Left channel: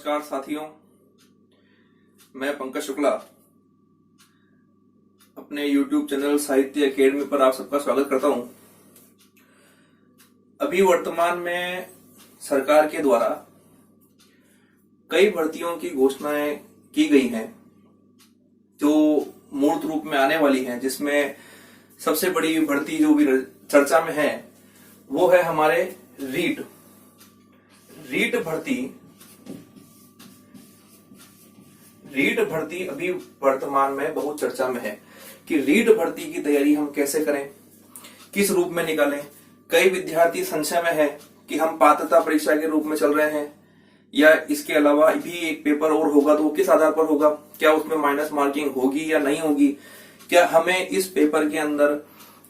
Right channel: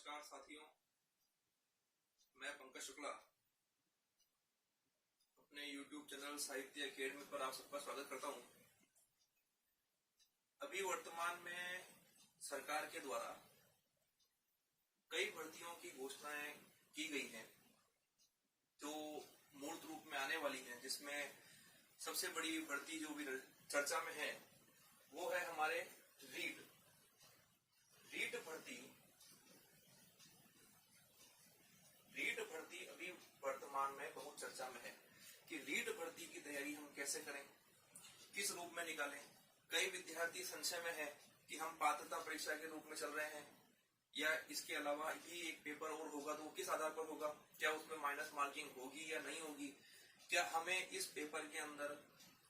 नमस्कार साथियों, मैं पंकज शुक्ला अपने YouTube चैनल साहित्य एकेडमी पर आप सबका स्वागत करता हूं। अभी वर्तमान में सरकार के द्वारा कई भर्तियों की घोषणाएं की गई हैं जो मूर्त रूप में आने वाली हैं, जिसमें सबसे बड़ी भर्ती जो भी चर्चा में है वो है हमारे रीट भर्ती अभी वर्तमान में बहुत चर्चा में है कि रीट भर्ती की तैयारी हम कैसे करें, किस रूप में निकालें। कई विद्यार्थी संशय में है कि हम पात्रता परीक्षा के रूप में चल रहे हैं या इसके अलावा भी एक पेपर और होगा तो वो किस आधार पर होगा, क्या उसमें माइनस मार्किंग होगी या नहीं होगी, क्या हमें इस पेपर के अंदर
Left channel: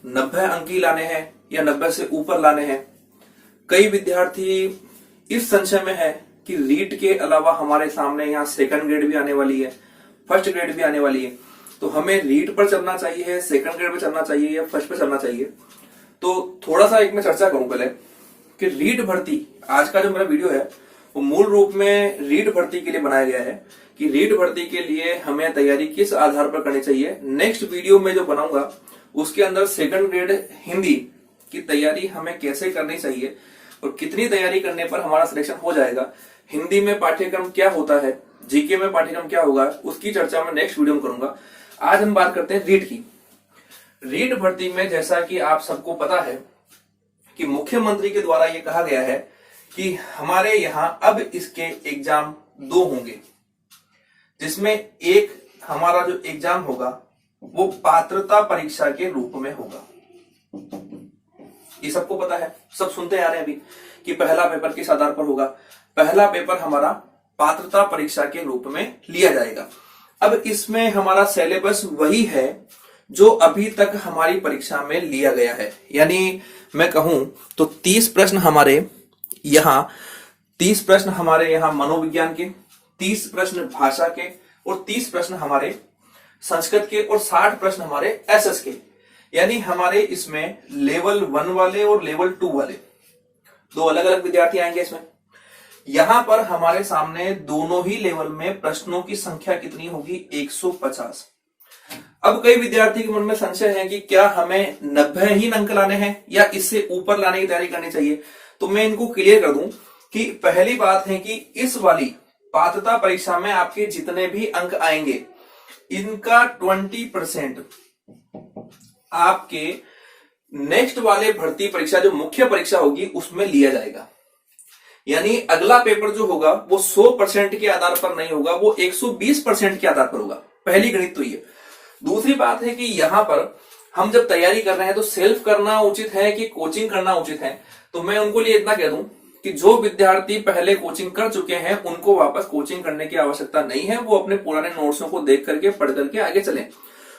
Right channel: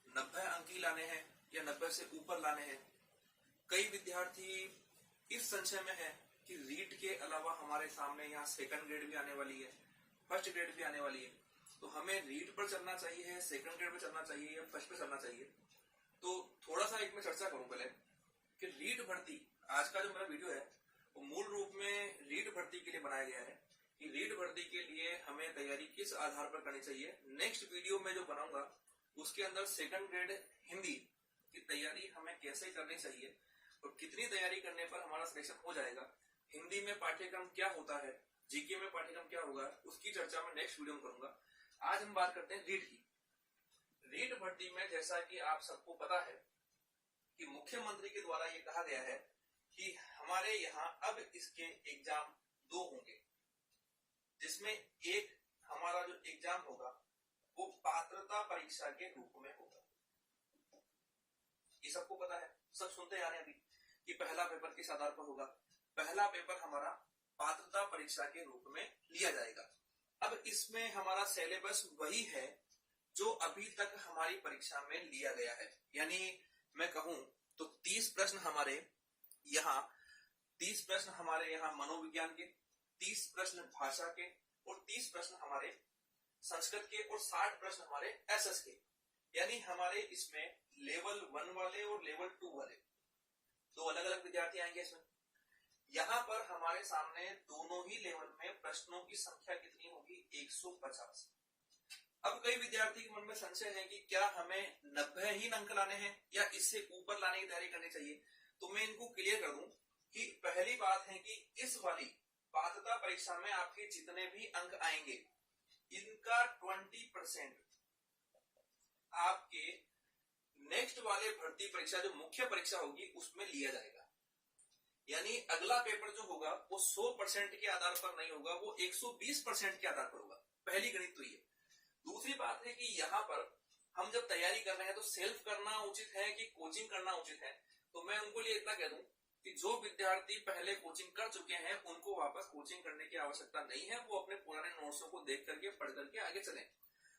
90 अंक ही लाने हैं या 90 से ऊपर लाने हैं। कई विद्यार्थी इस संशय में है कि रीट के अलावा हमारे सामने यहाँ सेकंड ग्रेड भी आने वाली है, फर्स्ट ग्रेड भी आने वाली है, तो हमें रीट पर चलना चाहिए, सेकंड ग्रेड पर चलना चाहिए या फर्स्ट पर चलना चाहिए। तो थोड़ा सा एक मैं चर्चा करूं पहले कि रीट भर्ती, आज का जो मेरा वीडियो है वो मूल रूप में रीट भर्ती के लिए बनाया गया है कि रीट भर्ती के लिए हमें तैयारी किस आधार पर करनी चाहिए। नेक्स्ट वीडियो में जो बनाऊंगा उसके अंदर सेकंड ग्रेड हिंदी की तैयारी हमें कैसे करनी चाहिए और कितनी तैयारी करने पर हमारा सिलेक्शन हो जाएगा, हिंदी में पाठ्यक्रम क्या होता है, जीके में पाठ्यक्रम क्या होगा, उसकी चर्चा मैं नेक्स्ट वीडियो में करूंगा। आज हम बात करते हैं रीट की। रीट भर्ती में जैसा कि आप सबको पता है कि मुख्यमंत्री के द्वारा ये कहा गया है कि हमारे यहाँ अब इसके एग्जाम 2 होंगे, जिसमें एक हमारा जो एग्जाम होगा वो पात्रता परीक्षा के रूप में होगा। ये सबको पता है, सब सुनते आ रहे हैं अभी कि पहला पेपर किस आधार पर होगा। पहला पेपर हमारा पात्रता परीक्षा के रूप में लिया जाएगा। अब इसमें हमारा सिलेबस वही है जो अभी तक हमारी परीक्षा में लिया गया है, यानी मैं कहूं तो 30 प्रश्न हमारे यहाँ मनोविज्ञान के, 30 प्रश्न भाषा के और 30 प्रश्न हमारे संस्कृत के और 60 प्रश्न हमारे एसएस के। यानी हमारे इसमें लेवल 1 वाले और लेवल 2 वाले 2 अलग अलग विद्यार्थी आएंगे इसमें। यहां पर हमारे सामने दोनों ही लेवल में प्रश्नों की संख्या कितनी होगी, 150। अब कई विद्यार्थी के मन में संशय है कि क्या हमें 90 ही अंक लाने हैं या इससे ऊपर लाने की तैयारी करनी चाहिए। तो मैं इनको क्लियर कर दूं कि पहली बात है कि इस वाली पात्रता परीक्षा में आपके जितने भी अंक आएंगे इनका 20% आपके नेक्स्ट वाले भर्ती परीक्षा जो मुख्य परीक्षा होगी उसमें लिया जाएगा। यानी अगला पेपर जो होगा वो 100% के आधार पर नहीं होगा, वो 120% के आधार पर होगा। पहली गणित तो ये। दूसरी बात है कि यहां पर हम जब तैयारी कर रहे हैं तो सेल्फ करना उचित है कि कोचिंग करना उचित है। तो मैं उनको लिए इतना कह दूं कि जो विद्यार्थी पहले कोचिंग कर चुके हैं उनको वापस कोचिंग करने की आवश्यकता नहीं है, वो अपने पुराने नोट्सों को देख करके पढ़ करके आगे चलें।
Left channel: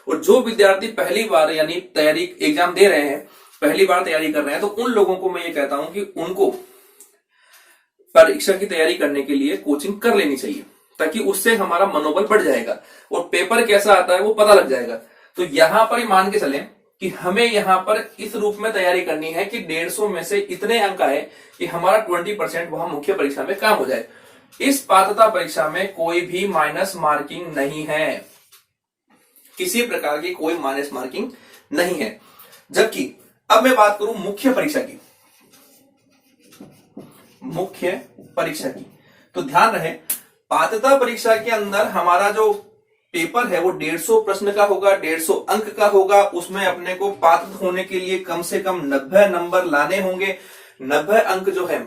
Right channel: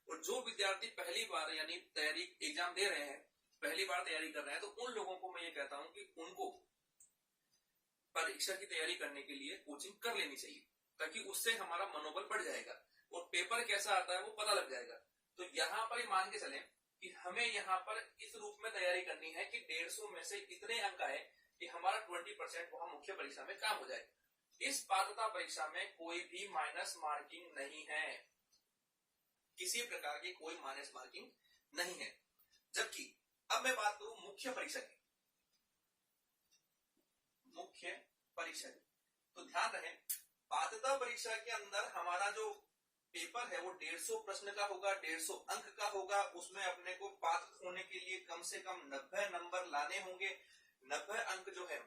और जो विद्यार्थी पहली बार यानी तैयारी एग्जाम दे रहे हैं, पहली बार तैयारी कर रहे हैं, तो उन लोगों को मैं ये कहता हूं कि उनको परीक्षा की तैयारी करने के लिए कोचिंग कर लेनी चाहिए, ताकि उससे हमारा मनोबल बढ़ जाएगा और पेपर कैसा आता है वो पता लग जाएगा। तो यहां पर ही मान के चलें कि हमें यहां पर इस रूप में तैयारी करनी है कि 150 में से इतने अंक आए कि हमारा 20% वहां मुख्य परीक्षा में काम हो जाए। इस पात्रता परीक्षा में कोई भी माइनस मार्किंग नहीं है, किसी प्रकार की कोई माइनस मार्किंग नहीं है। जबकि अब मैं बात करूं मुख्य परीक्षा की, तो ध्यान रहे पात्रता परीक्षा के अंदर हमारा जो पेपर है वो 150 प्रश्न का होगा, 150 अंक का होगा। उसमें अपने को पात्र होने के लिए कम से कम 90 नंबर लाने होंगे। 90 अंक जो है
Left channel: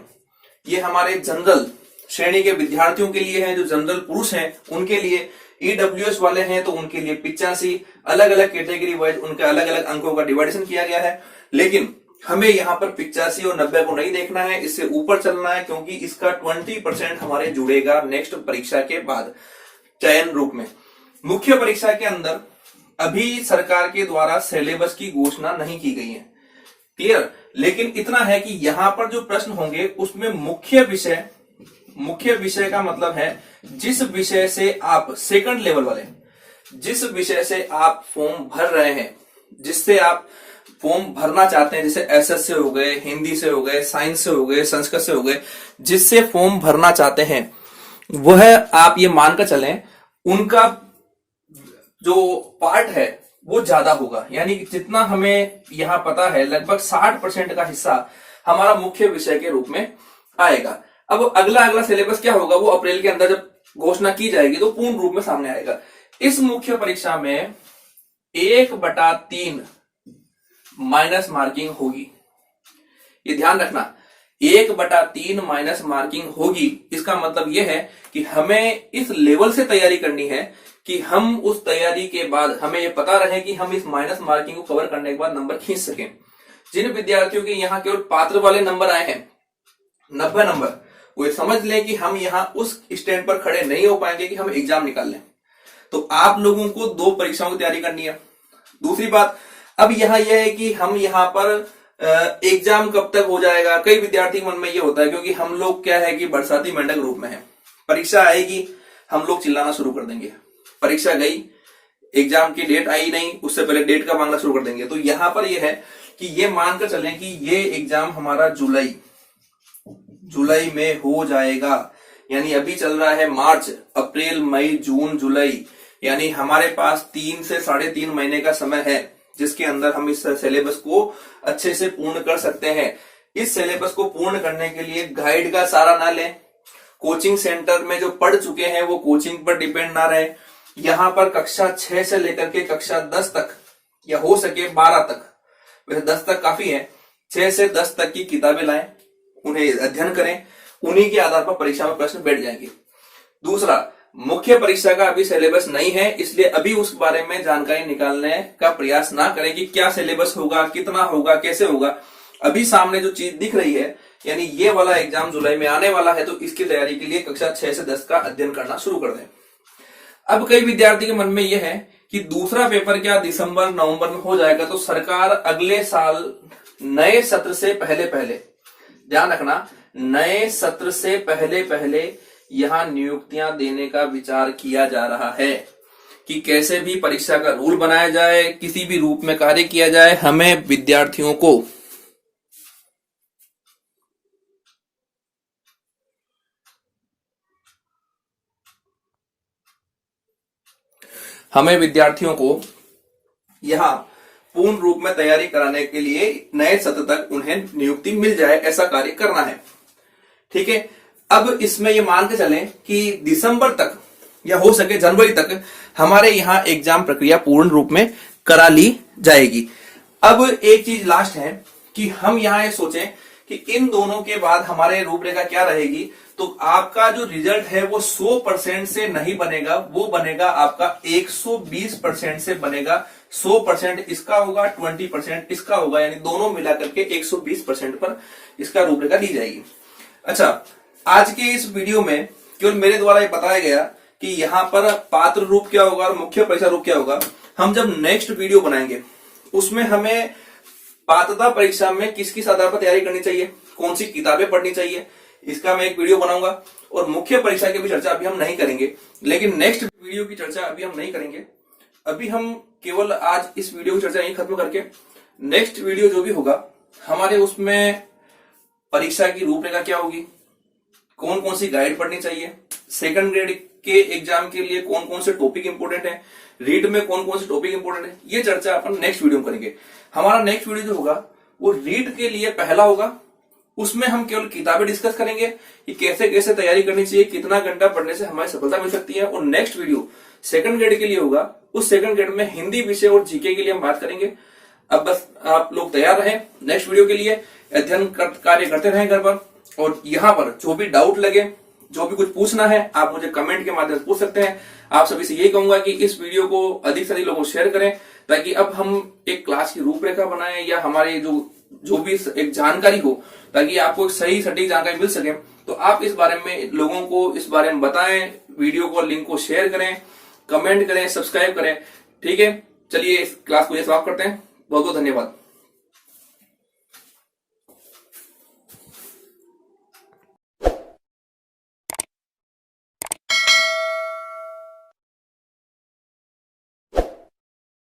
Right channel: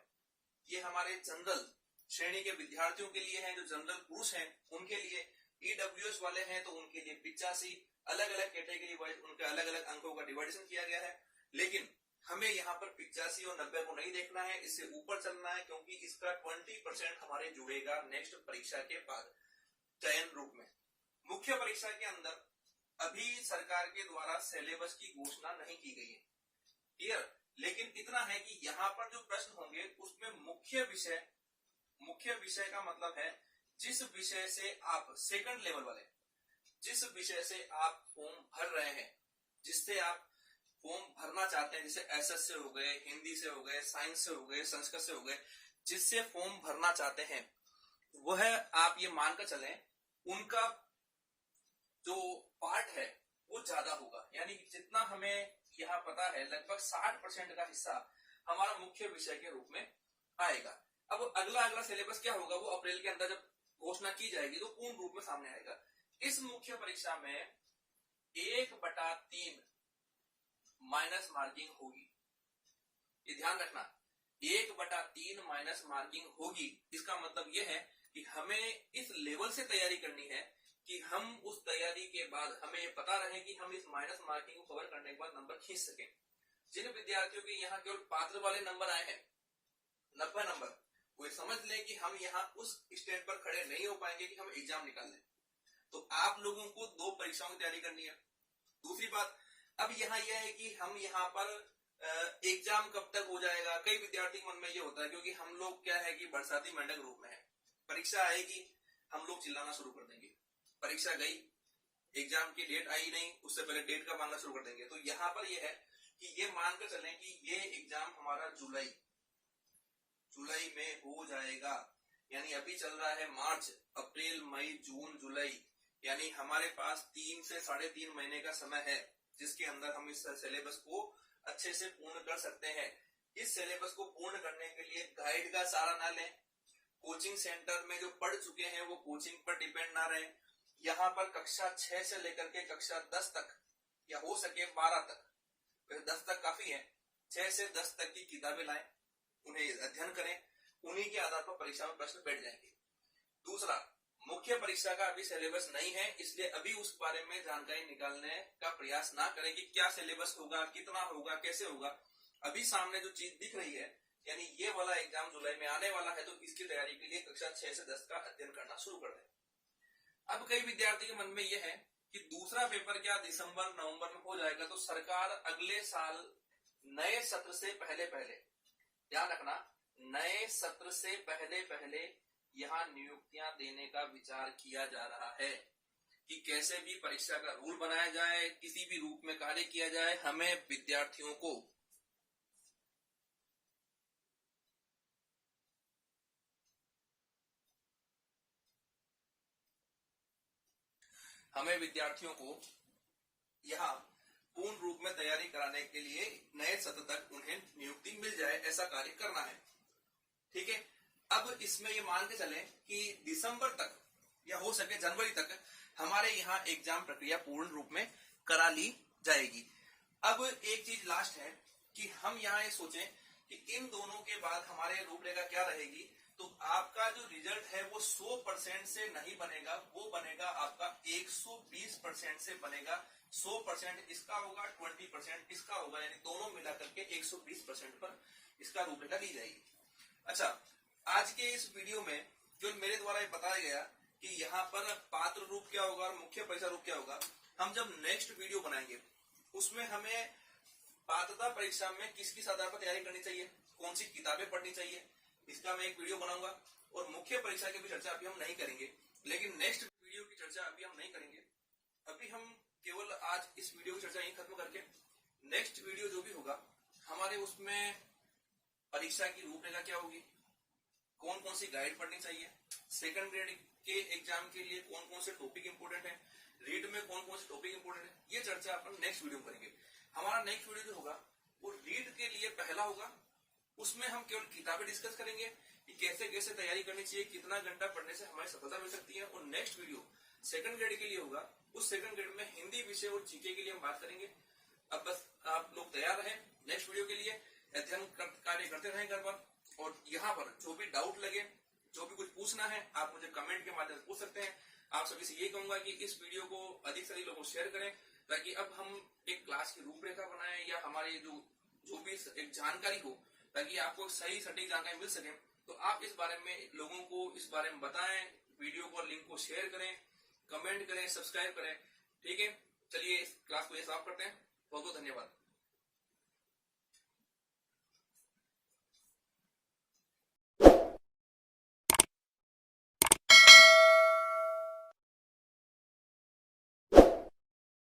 ये हमारे जनरल श्रेणी के विद्यार्थियों के लिए है, जो जनरल पुरुष हैं उनके लिए। ईडब्ल्यूएस वाले हैं तो उनके लिए 85, अलग अलग कैटेगरी वाइज उनके अलग अलग अंकों का डिवाइडेशन किया गया है। लेकिन हमें यहाँ पर 85 और 90 को नहीं देखना है, इससे ऊपर चलना है, क्योंकि इसका 20% हमारे जुड़ेगा नेक्स्ट परीक्षा के बाद चयन रूप में। मुख्य परीक्षा के अंदर अभी सरकार के द्वारा सिलेबस की घोषणा नहीं की गई है, क्लियर। लेकिन इतना है कि यहाँ पर जो प्रश्न होंगे उसमें मुख्य विषय का मतलब है जिस विषय से आप सेकंड लेवल वाले, जिस विषय से आप फॉर्म भर रहे हैं, जिससे आप फॉर्म भरना चाहते हैं, जैसे एसएस से हो गए, हिंदी से हो गए, साइंस से हो गए, संस्कृत से हो गए, जिससे फॉर्म भरना चाहते हैं वह आप ये मानकर चलें उनका जो पार्ट है वो ज्यादा होगा। यानी कि जितना हमें यहां पता है लगभग 60% का हिस्सा हमारा मुख्य विषय के रूप में आएगा। अब अगला अगला सिलेबस क्या होगा वो अप्रैल के अंदर जब घोषणा की जाएगी तो पूर्ण रूप में सामने आएगा। इस मुख्य परीक्षा में 1/3 माइनस मार्किंग होगी, ये ध्यान रखना। 1/3 माइनस मार्किंग होगी। इसका मतलब यह है कि हमें इस लेवल से तैयारी करनी है कि हम उस तैयारी के बाद हमें यह पता रहे कि हम इस माइनस मार्किंग को कवर करने के बाद नंबर खींच सकें। जिन विद्यार्थियों के यहाँ केवल पात्र वाले नंबर आए हैं 90 नंबर, वो समझ लें कि हम यहाँ उस स्टैंड पर खड़े नहीं हो पाएंगे कि हम एग्जाम निकाल लें। तो आप लोगों को 2 परीक्षाओं की तैयारी करनी है। दूसरी बात अब यहाँ यह है कि हम यहाँ पर एग्जाम कब तक हो जाएगा, कई विद्यार्थी मन में ये होता है क्योंकि हम लोग क्या है कि बरसाती मेंढक रूप में है। परीक्षा आएगी हम लोग चिल्लाना शुरू कर देंगे, परीक्षा गई एग्जाम की डेट आई नहीं उससे पहले डेट का मांगना शुरू कर देंगे। तो यहां पर यह है कि ये मानकर चलें कि ये एग्जाम हमारा जुलाई में हो जाएगा। यानी अभी चल रहा है मार्च, अप्रैल, मई, जून, जुलाई, यानी हमारे पास 3 से 3.5 महीने का समय है जिसके अंदर हम इस सिलेबस को अच्छे से पूर्ण कर सकते हैं। इस सिलेबस को पूर्ण करने के लिए गाइड का सहारा ना लें, कोचिंग सेंटर में जो पढ़ चुके हैं वो कोचिंग पर डिपेंड ना रहे। यहाँ पर कक्षा 6 से लेकर के कक्षा 10 तक या हो सके 12 तक, वैसे 10 तक काफी है, 6 से 10 तक की किताबें लाएं, उन्हें अध्ययन करें, उन्हीं के आधार पर परीक्षा में प्रश्न बैठ जाएंगे। दूसरा, मुख्य परीक्षा का अभी सिलेबस नहीं है इसलिए अभी उस बारे में जानकारी निकालने का प्रयास ना करें कि क्या सिलेबस होगा, कितना होगा, कैसे होगा। अभी सामने जो चीज दिख रही है यानी ये वाला एग्जाम जुलाई में आने वाला है तो इसकी तैयारी के लिए कक्षा 6 से 10 का अध्ययन करना शुरू कर दें। अब कई विद्यार्थी के मन में यह है कि दूसरा पेपर क्या दिसंबर नवंबर में हो जाएगा, तो सरकार अगले साल नए सत्र से पहले ध्यान रखना, नए सत्र से पहले यहां नियुक्तियां देने का विचार किया जा रहा है कि कैसे भी परीक्षा का रूल बनाया जाए, किसी भी रूप में कार्य किया जाए। हमें विद्यार्थियों को यहां पूर्ण रूप में तैयारी कराने के लिए नए सत्र तक उन्हें नियुक्ति मिल जाए, ऐसा कार्य करना है। ठीक है, अब इसमें ये मान के चलें कि दिसंबर तक या हो सके जनवरी तक हमारे यहाँ एग्जाम प्रक्रिया पूर्ण रूप में करा ली जाएगी। अब एक चीज लास्ट है कि हम यहाँ ये सोचें कि इन दोनों के बाद हमारे रूपरेखा क्या रहेगी। तो आपका जो रिजल्ट है वो 100% से नहीं बनेगा, वो बनेगा आपका 120% से बनेगा। 100% इसका होगा, 20% इसका होगा, यानी दोनों मिलाकर के 120% पर इसका रूपरेखा दी जाएगी। अच्छा, आज के इस वीडियो में केवल मेरे द्वारा ये बताया गया कि यहाँ पर पात्र रूप क्या होगा और मुख्य परीक्षा रूप क्या होगा। हम जब नेक्स्ट वीडियो बनाएंगे उसमें हमें पात्रता परीक्षा में किस किस आधार पर तैयारी करनी चाहिए, कौन सी किताबें पढ़नी चाहिए, इसका मैं एक वीडियो बनाऊंगा। और मुख्य परीक्षा की भी चर्चा अभी हम नहीं करेंगे, लेकिन नेक्स्ट वीडियो की चर्चा अभी हम नहीं करेंगे। अभी हम केवल आज इस वीडियो की चर्चा यही खत्म करके नेक्स्ट वीडियो जो भी होगा हमारे उसमें परीक्षा की रूपरेखा क्या होगी, कौन कौन सी गाइड पढ़नी चाहिए, सेकंड ग्रेड के एग्जाम के लिए कौन कौन से टॉपिक इंपोर्टेंट है, रीड में कौन कौन से टॉपिक इंपोर्टेंट है, ये चर्चा अपन नेक्स्ट वीडियो में करेंगे। हमारा नेक्स्ट वीडियो जो होगा वो रीड के लिए पहला होगा। उसमें हम केवल किताबें डिस्कस करेंगे कि कैसे कैसे तैयारी करनी चाहिए, कितना घंटा पढ़ने से हमारी सफलता मिल सकती है। और नेक्स्ट वीडियो सेकंड ग्रेड के लिए होगा, उस सेकंड ग्रेड में हिंदी विषय और जीके के लिए हम बात करेंगे। अब बस आप लोग तैयार रहें नेक्स्ट वीडियो के लिए, अध्ययन कार्य करते रहें घर पर। और यहाँ पर जो भी डाउट लगे, जो भी कुछ पूछना है, आप मुझे कमेंट के माध्यम से पूछ सकते हैं। आप सभी से यही कहूंगा कि इस वीडियो को अधिक से अधिक लोगों को शेयर करें ताकि अब हम एक क्लास की रूपरेखा बनाएं या हमारे जो भी एक जानकारी हो, ताकि आपको एक सही सटीक जानकारी मिल सके। तो आप इस बारे में लोगों को इस बारे में बताएं, वीडियो को लिंक को शेयर करें, कमेंट करें, सब्सक्राइब करें। ठीक है, चलिए इस क्लास को ये समाप्त करते हैं। बहुत बहुत धन्यवाद।